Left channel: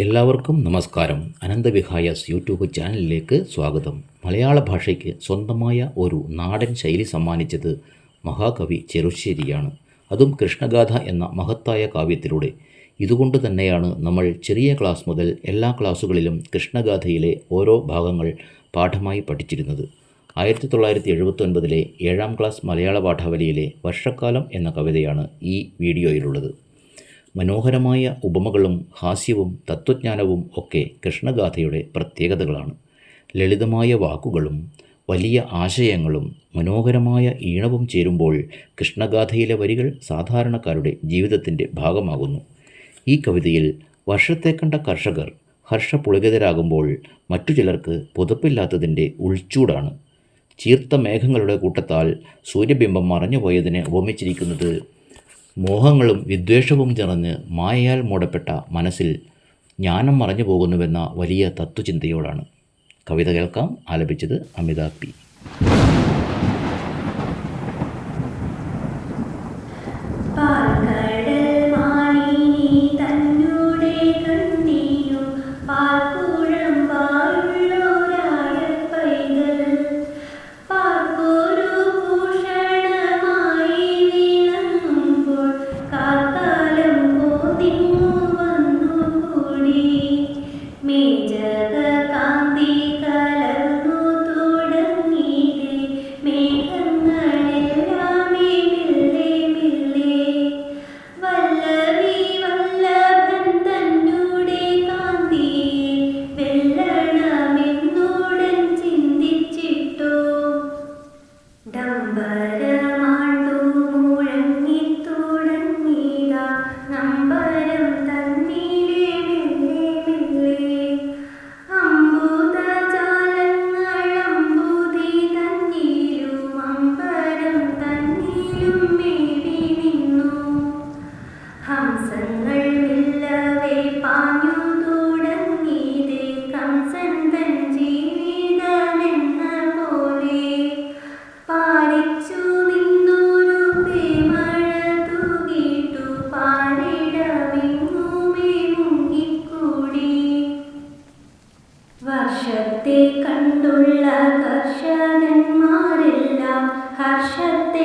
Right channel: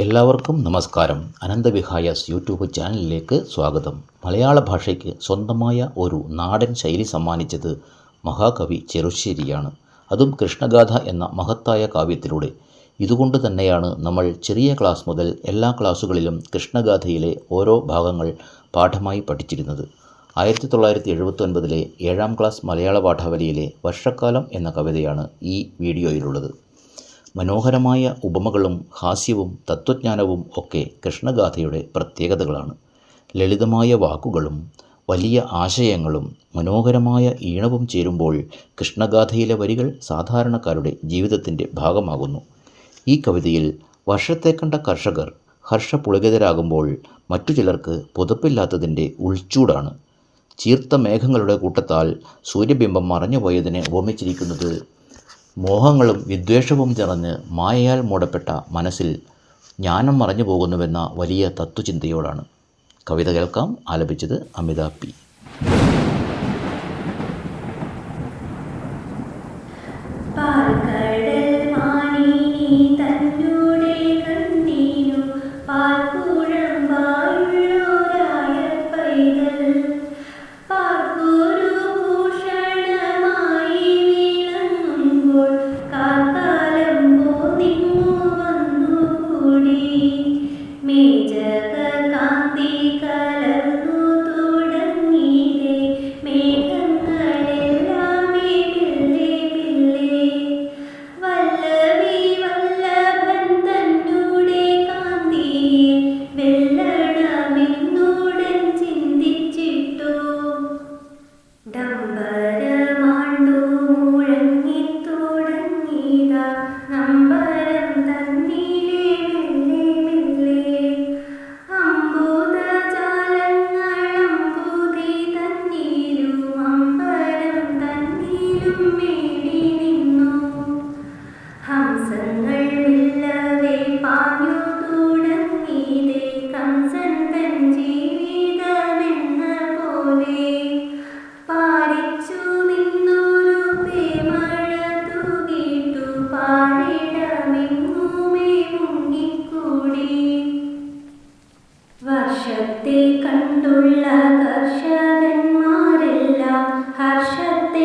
എല്ലാവർക്കും നമസ്കാരം. അനന്തവിഹായസ് യൂട്യൂബ് ചാനലിലേക്ക് സ്വാഗതം. മലയാള ഭാഷയ്ക്ക് സ്വന്തമായ ഒരു നാടൻ ശൈലി സമ്മാനിച്ചത് മഹാകവി ചെറുശ്ശേരിയാണ്. അതും കൃഷ്ണഗാഥ എന്ന മഹത്തായ കാവ്യത്തിലൂടെ. ഇതുകൊണ്ട് തന്നെയാണ് നമ്മൾ ചെറിയ ക്ലാസ് മുതൽ എല്ലാ ക്ലാസ്സുകളിലും കൃഷ്ണഗാഥയിലെ ഓരോ ഭാഗങ്ങൾ പാഠമായി പഠിച്ചിരുന്നത്. 1979 7ാം ക്ലാസ് മലയാള പാഠാവലിയിലെ വർഷക്കാലം എന്ന കവിതയാണ് ഈ വീഡിയോയിലുള്ളത്. മനോഹരമായ ഉപമകളും ഹാസ്യവും തത്വജ്ഞാനവും ഒക്കെ കൃഷ്ണഗാഥയുടെ പ്രത്യേകതകളാണ്. ലളിതമായ വാക്കുകളും വലിയ ആശയങ്ങളും മനോഹരമായ ഈണവും ചേരുമ്പോൾ കൃഷ്ണഗാഥയിലെ വരികൾ സാധാരണക്കാരുടെ ജീവിതത്തിൻ്റെ ഭാഗമാകുന്നു. ഈ കവിതയിൽ വർഷത്തെ കണ്ട കർഷകർ ഹർഷപുളകിതരാകുമ്പോൾ മറ്റു ചിലർക്ക് പുതപ്പില്ലാത്തതിൻ്റെ ഉൾച്ചൂടാണ്. ചീർത്ത മേഘങ്ങളുടെ കൂട്ടത്താൽ സൂര്യബിംബം മറഞ്ഞുപോയതിനെ ഉപമിച്ചിരിക്കുന്നത് മോഹങ്ങളും വിദ്വേഷവും നിറഞ്ഞ് മായയാൽ മൂടപ്പെട്ട മനസ്സിൽ ജ്ഞാനം മറഞ്ഞു പോകുന്നുവെന്ന വലിയ തത്വചിന്തയോടാണ്. കവിത കേൾക്കാം. ആലപിച്ചത് അമിത പി. വർഷത്തെ കണ്ടുള്ള കർഷകന്മാരെല്ലാം ഹർഷത്തെ